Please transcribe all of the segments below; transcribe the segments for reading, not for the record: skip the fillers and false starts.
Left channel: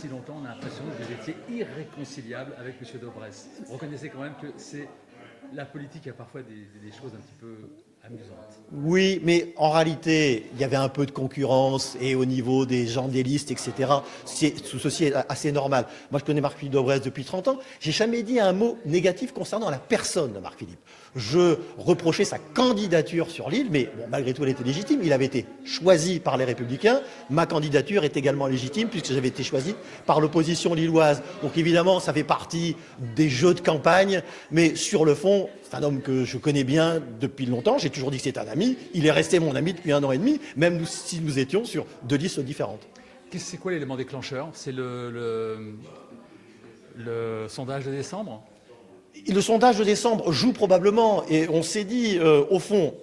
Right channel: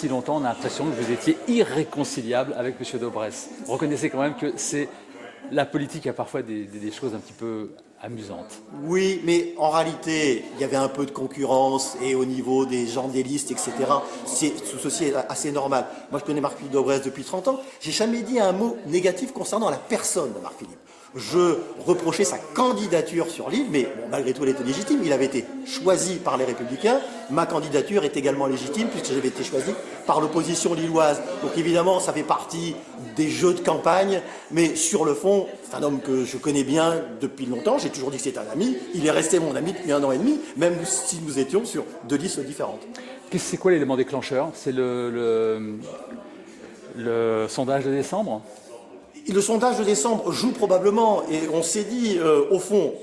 Si longtemps, on a l'impression que vous étiez irréconciliable avec M. Daubresse. Vous reconnaissez quand même que la politique a parfois des choses un petit peu amusantes. Oui, mais en réalité, il y avait un peu de concurrence et au niveau des gens des listes, etc. Tout ceci est assez normal. Moi, je connais Marc-Philippe Daubresse depuis 30 ans. J'ai jamais dit un mot négatif concernant la personne de Marc-Philippe. Je reprochais sa candidature sur l'île, mais bon, malgré tout, elle était légitime. Il avait été choisi par les Républicains. Ma candidature est également légitime puisque j'avais été choisi par l'opposition lilloise. Donc évidemment, ça fait partie des jeux de campagne, mais sur le fond, c'est un homme que je connais bien depuis longtemps. J'ai toujours dit que c'est un ami. Il est resté mon ami depuis 1 an et demi, même si nous étions sur 2 listes différentes. C'est quoi l'élément déclencheur? C'est le sondage de décembre? Le sondage de décembre joue probablement, et on s'est dit, au fond,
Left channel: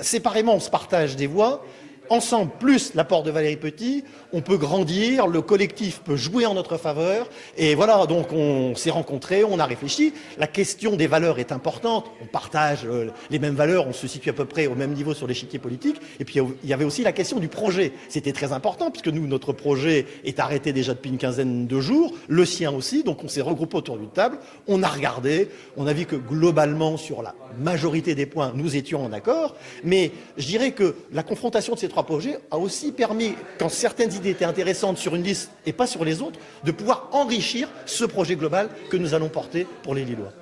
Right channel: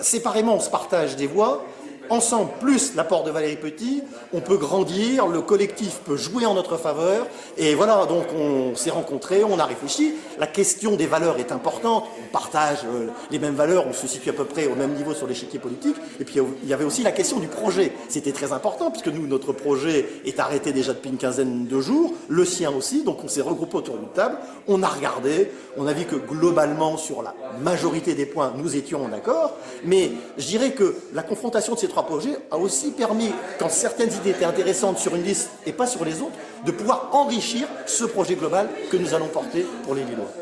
séparément, on se partage des voix. Ensemble, plus l'apport de Valérie Petit, on peut grandir, le collectif peut jouer en notre faveur. Et voilà, donc on s'est rencontrés, on a réfléchi. La question des valeurs est importante. On partage les mêmes valeurs, on se situe à peu près au même niveau sur l'échiquier politique. Et puis il y avait aussi la question du projet. C'était très important, puisque nous, notre projet est arrêté déjà depuis une quinzaine de jours, le sien aussi. Donc on s'est regroupés autour d'une table, on a regardé, on a vu que globalement, sur la majorité des points, nous étions en accord. Mais je dirais que la confrontation de ces 3 projets a aussi permis, quand certaines idées étaient intéressantes sur une liste et pas sur les autres, de pouvoir enrichir ce projet global que nous allons porter pour les Lillois.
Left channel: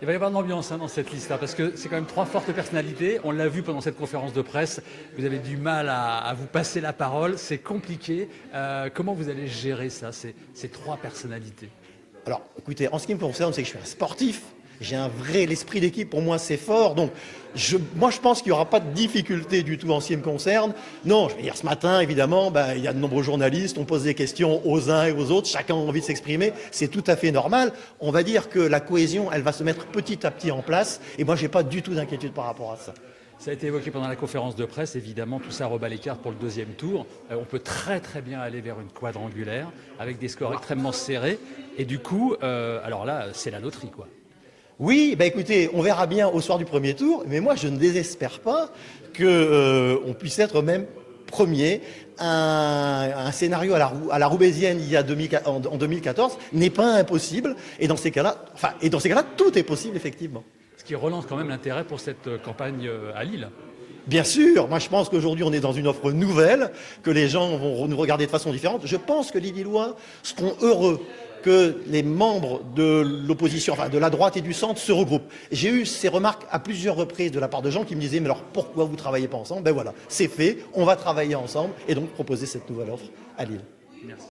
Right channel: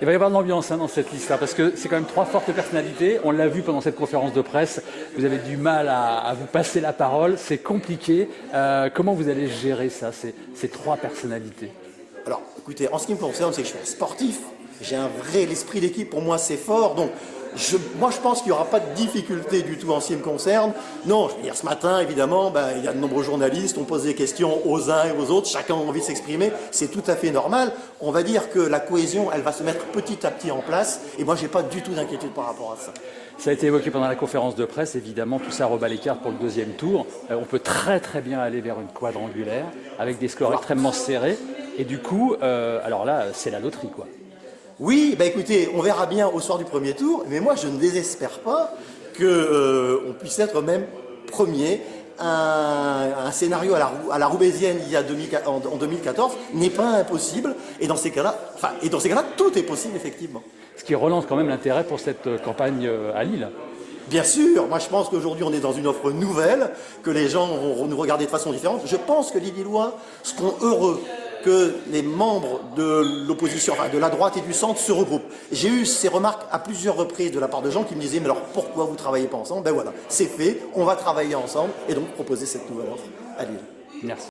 Il va y avoir de l'ambiance dans cette liste, parce que c'est quand même 3 fortes personnalités. On l'a vu pendant cette conférence de presse. Vous avez du mal à vous passer la parole. C'est compliqué. Comment vous allez gérer ça, ces 3 personnalités? Alors, écoutez, en ce qui me concerne, c'est que je suis un sportif. J'ai l'esprit d'équipe, pour moi, c'est fort. Donc, moi, je pense qu'il n'y aura pas de difficulté du tout en ce qui me concerne. Non, je veux dire, ce matin, évidemment, il y a de nombreux journalistes, on pose des questions aux uns et aux autres, chacun a envie de s'exprimer, c'est tout à fait normal. On va dire que la cohésion, elle va se mettre petit à petit en place, et moi, je n'ai pas du tout d'inquiétude par rapport à ça. Ça a été évoqué pendant la conférence de presse, évidemment, tout ça rebat l'écart pour le 2e tour. On peut très très bien aller vers une quadrangulaire, avec des scores extrêmement serrés, et du coup, alors là, c'est la loterie, quoi. Oui, écoutez, on verra bien au soir du 1er tour, mais moi je ne désespère pas qu'on puisse être même premier. Un scénario à la roubaisienne en 2014 n'est pas impossible, et dans ces cas-là, tout est possible effectivement. Ce qui relance quand même l'intérêt pour cette campagne à Lille. Bien sûr, moi je pense qu'aujourd'hui on est dans une offre nouvelle, que les gens vont nous regarder de façon différente. Je pense que les Lillois seront heureux que les membres de l'opposition, enfin de la droite et du centre se regroupent. J'ai eu ces remarques à plusieurs reprises de la part de gens qui me disaient « mais alors pourquoi vous ne travaillez pas ensemble ?» Ben voilà, c'est fait, on va travailler ensemble et donc proposer cette nouvelle offre à Lille. Merci.